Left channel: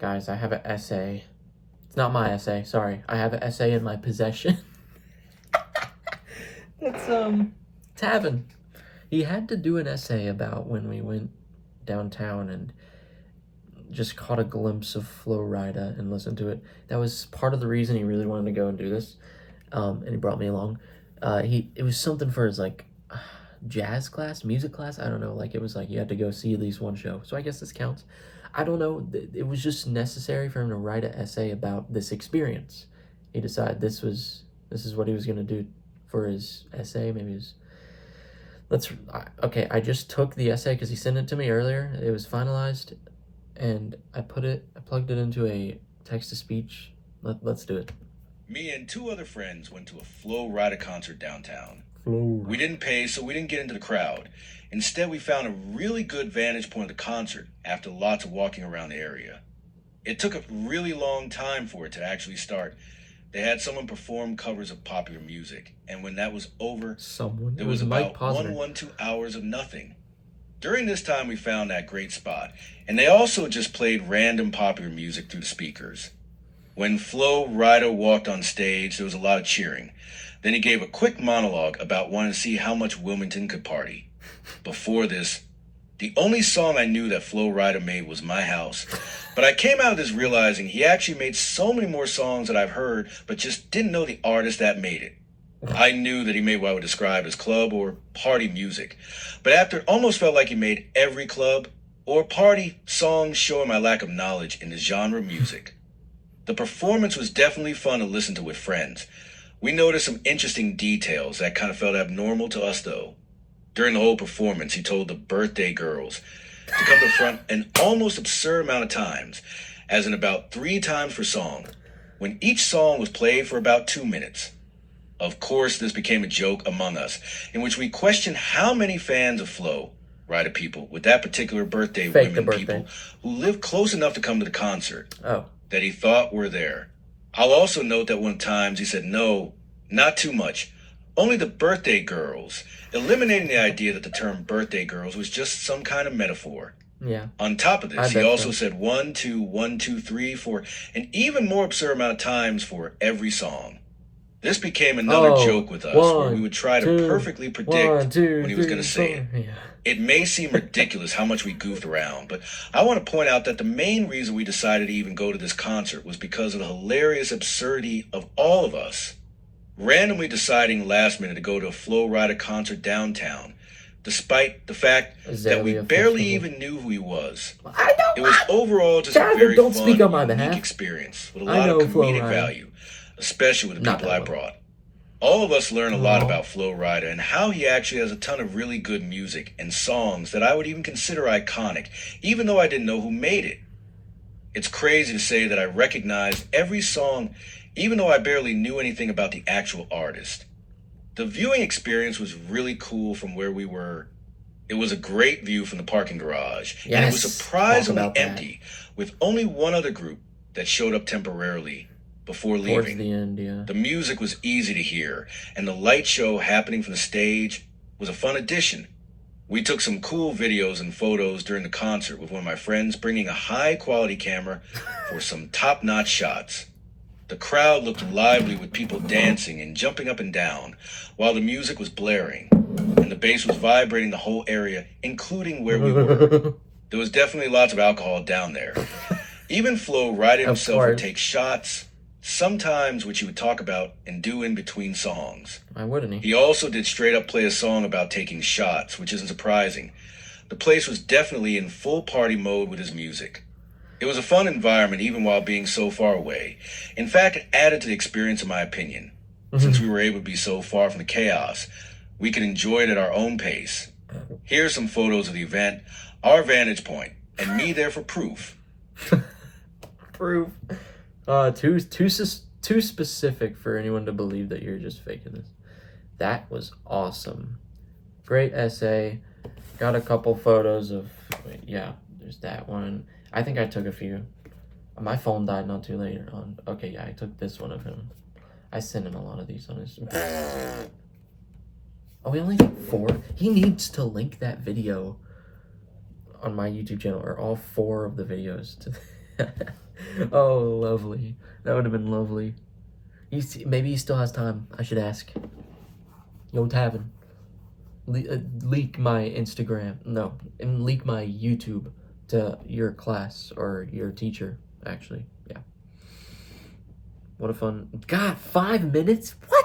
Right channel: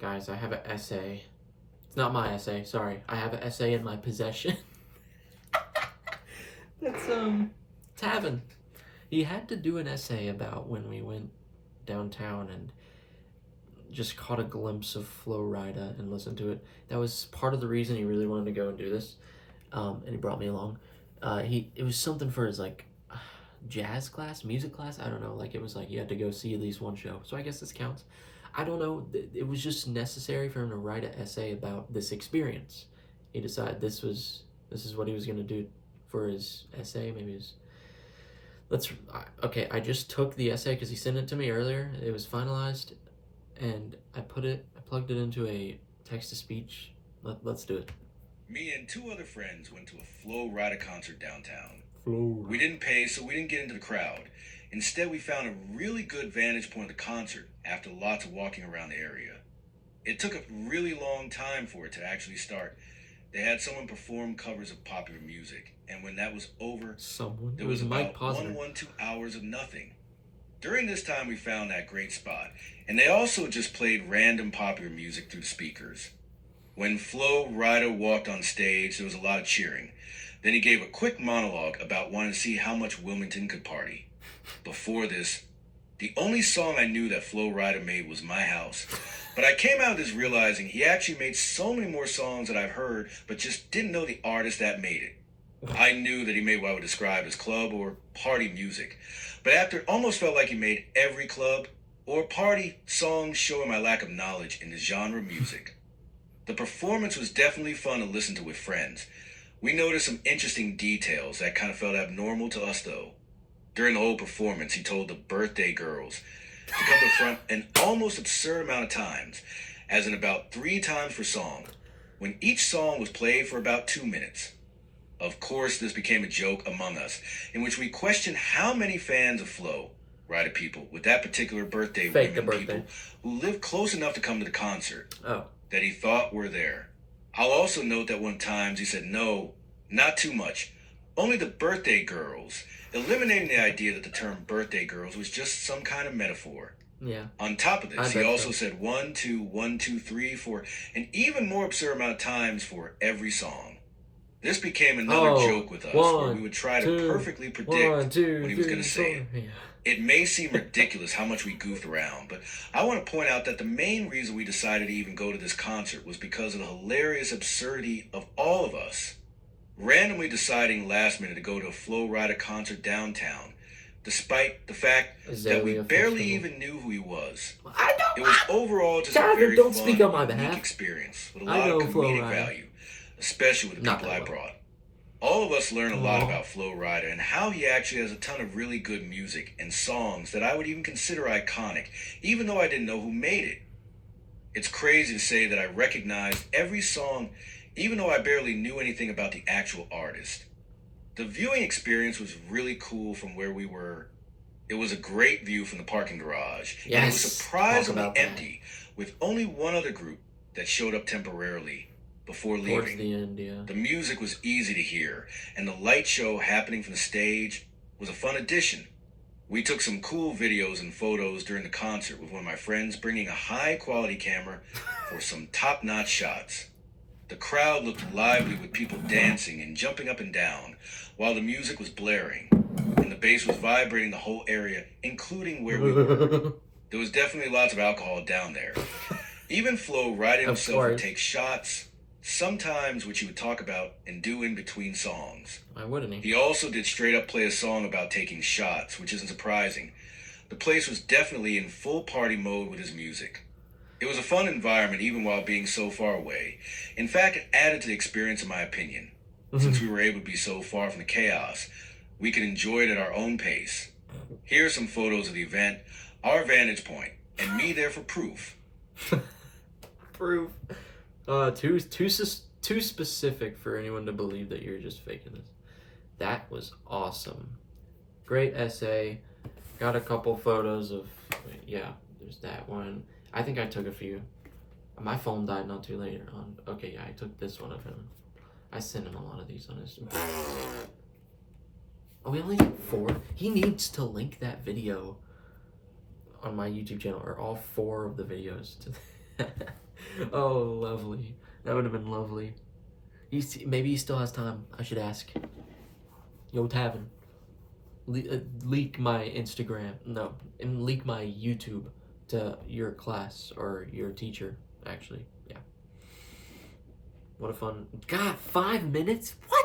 Guys, I have an essay. It's not my essay, sorry. I have an essay in my possession. It's, Tavin. He had to do an essay about when we went downtown and just caught a glimpse of Flo Rida and listened to it. That was part of the reason he really wanted to go and do this. And he brought me along. It was something for his, like, jazz class, music class, I don't know. Like, it was like you had to go see at least one show. So I guess this counts. I don't know. It was just necessary for him to write an essay about this experience. He decided this is what he was going to do for his essay. Maybe it was... Okay, I just took the essay because he sent it to me earlier. It was finalized, and I plugged it into a text-to-speech. Let's do it. Me and two other friends went to a Flo Rida concert downtown. Flo. We didn't pay, so we didn't get into the crowd. Instead, we found a really good vantage point of the concert after lots of walking around the area. It took a really long time for it to actually start. They had someone perform covers of popular music, and when that was over, there was about 2 hours of nothing. During this time, we found that great spot, and they also just played random popular music through the speakers. When Flo Rida walked on stage, there was a lot of cheering. Then he gave a quick monologue about wanting to see how much Wilmington could party. Before this, the only song I knew that Flo Rida made was My House. But I came out of this realizing he actually made so many more songs that I've heard, but just didn't know the artist that made it. I knew that he made what I would describe as club or party music. But after it almost felt like he made every club or party song showing my lack of knowledge in the genre music. The performance was definitely fun to listen to with friends. We noticed some interesting details that kind of felt abnormal to us, though. During the whole performance, he told the birthday girls to come to the front an almost absurd amount of times, as in about 3 times per song, when each song was played for about 2 minutes. Of course, this became a joke among us, in which we questioned how many fans of Flo Rida people with that particular birthday people who lived close enough to come to the concert that he thought were there. I'll also note that one times he said no, not too much, only the birthday girls, eliminating the idea that the term birthday girls was just some kind of metaphor. Yeah. On top of this, he also said 1, 2, 1, 2, 3 for an even more absurd amount of times for every song. This became another joke with us, where we would try to perfectly predict when he was going to say it. Yeah. It may seem ridiculous how much we goofed around, but I want to point out that the main reason we decided to even go to this concert was because of the hilarious absurdity of all of us randomly deciding last minute to go to a Flo Rida concert downtown, despite the fact that we barely even knew who he was. It was overall just a very fun, unique experience with a lot of comedic value, especially with the people I brought. All of us learned a lot about Flo Rida and how he actually has a ton of really good music and songs that I would even consider iconic, even though I didn't know who made it. It's crazy to say that I recognized every song, even though I barely knew anything about the actual artist. The viewing experience was really cool from where we were. It was a great view from the parking garage, and it was surprisingly empty, with only one other group that showed up temporarily before leaving. Towards the end, yeah. The music was easy to hear, and the light show happening from the stage was a fun addition. We took some cool videos and photos during the concert with one of my friends bringing a high-quality camera for some top-notch shots. The crowd looked lively with people dancing and jumping up and down, while the music was blaring, and the bass was vibrating the whole area, including where we were. There was definitely lots of alcohol down there. Even Flo Rida himself would take shots, sometimes which he would talk about and do in between songs. Why wouldn't he? He also did straight up play a song about taking shots, which isn't surprising. The place was definitely in full party mode with his music. It was a fun environment even while being so far away. In fact, it added to the experience in my opinion. Since we were able to be so far from the chaos, we could enjoy it at our own pace. Here are some photos of the event, our vantage point, and me there for proof. Proof. Too specific for anyone to believe that you're just faking this. That was awesome. Great essay. Got a couple photos of, yeah, there's that one. I think I took a few. My phone died not too later on. Okay, yeah, I took this one of him. I sent him a lot of these on his... Oh, we only got 4? He needs to link that video on my YouTube channel, or all 4 of the videos to Oh, lovely. That would have been lovely. Maybe he still has time. I should ask. Yo, Tavin, leak my Instagram. No, and leak my YouTube to your class or your teacher. Actually, yeah. What a fun. God, 5 minutes? What?